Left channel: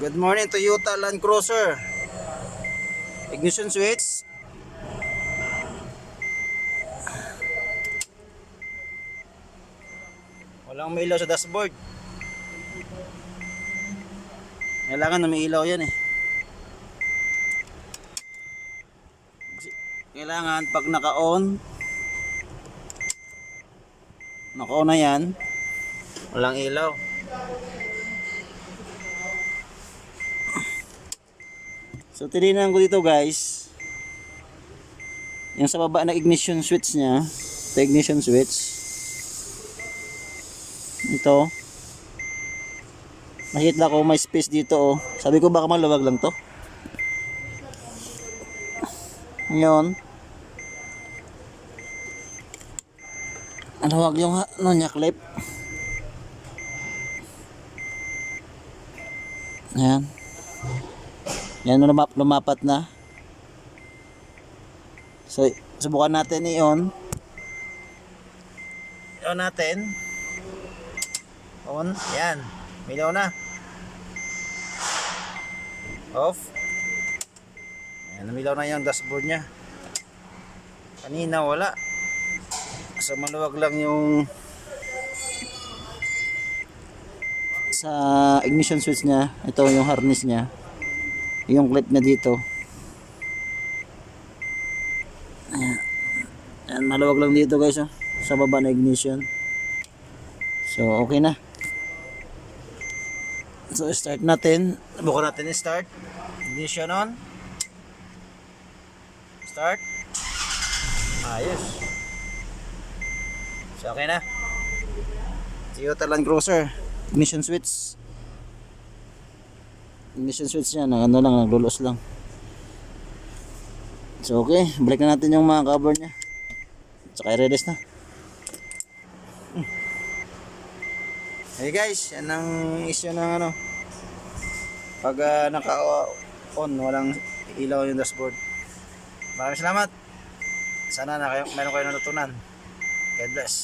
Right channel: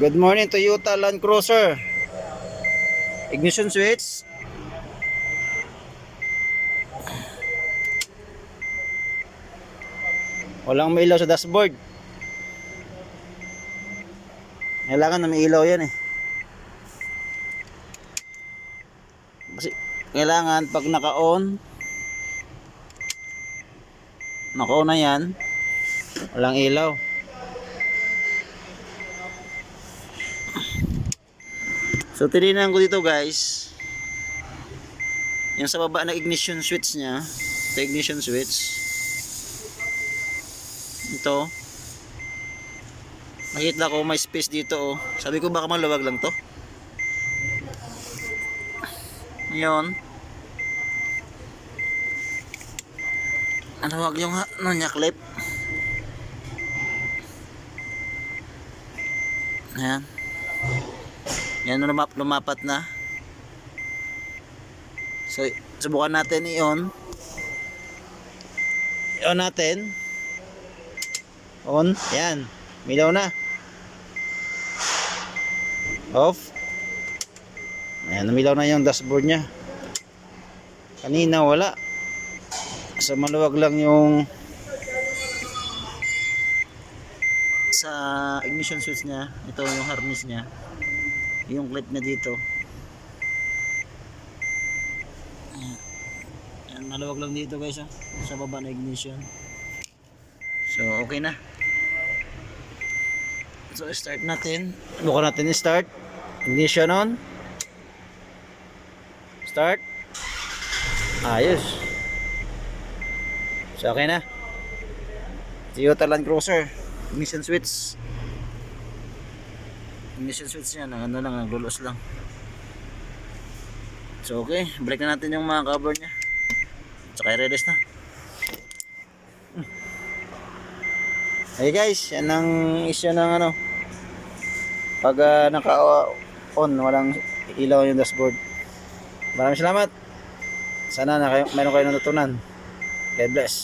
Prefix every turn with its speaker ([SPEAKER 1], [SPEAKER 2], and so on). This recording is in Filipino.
[SPEAKER 1] Good morning Toyota Land Cruiser. Ignition switch. Walang may ilaw sa dashboard. Kailangan na may ilaw yan eh. Kasi kailangan pag naka-on naka-on na yan walang ilaw. So tinignan ko dito guys. Yung sa baba na ignition switch niya, ito ignition switch. Ito. Nakita ko may space dito oh. Sabi ko baka maluwag lang to. Ngayon. Ano wag yung ano niya clip? Ayan. Yan lumap lumapat na. So, subukan natin i-on. I-on natin. On. Yan. Milaw na. Off. Ayan, namilaw na yung dashboard niya. Kanina wala. Sa maluwag lang yung sa ignition switch niya. Ito yung harness niya yung clip na dito. Ayan, ayan maluwag lang dito guys oh, sa baba na ignition. So okay na. So start natin. Bukan natin start. Ignition on. Start. Ayos. So okay na. Toyota Land Cruiser. Ignition switch ignition switch niya na ano lang naglulos lang. So okay. Balik na natin yung mga cover niya. Tsaka i-release na. Hmm. hey guys. Yan ang issue ng ano. Pag uh, naka on walang ilaw yung dashboard. Maraming salamat. Sana na kayo, meron kayo natutunan. God bless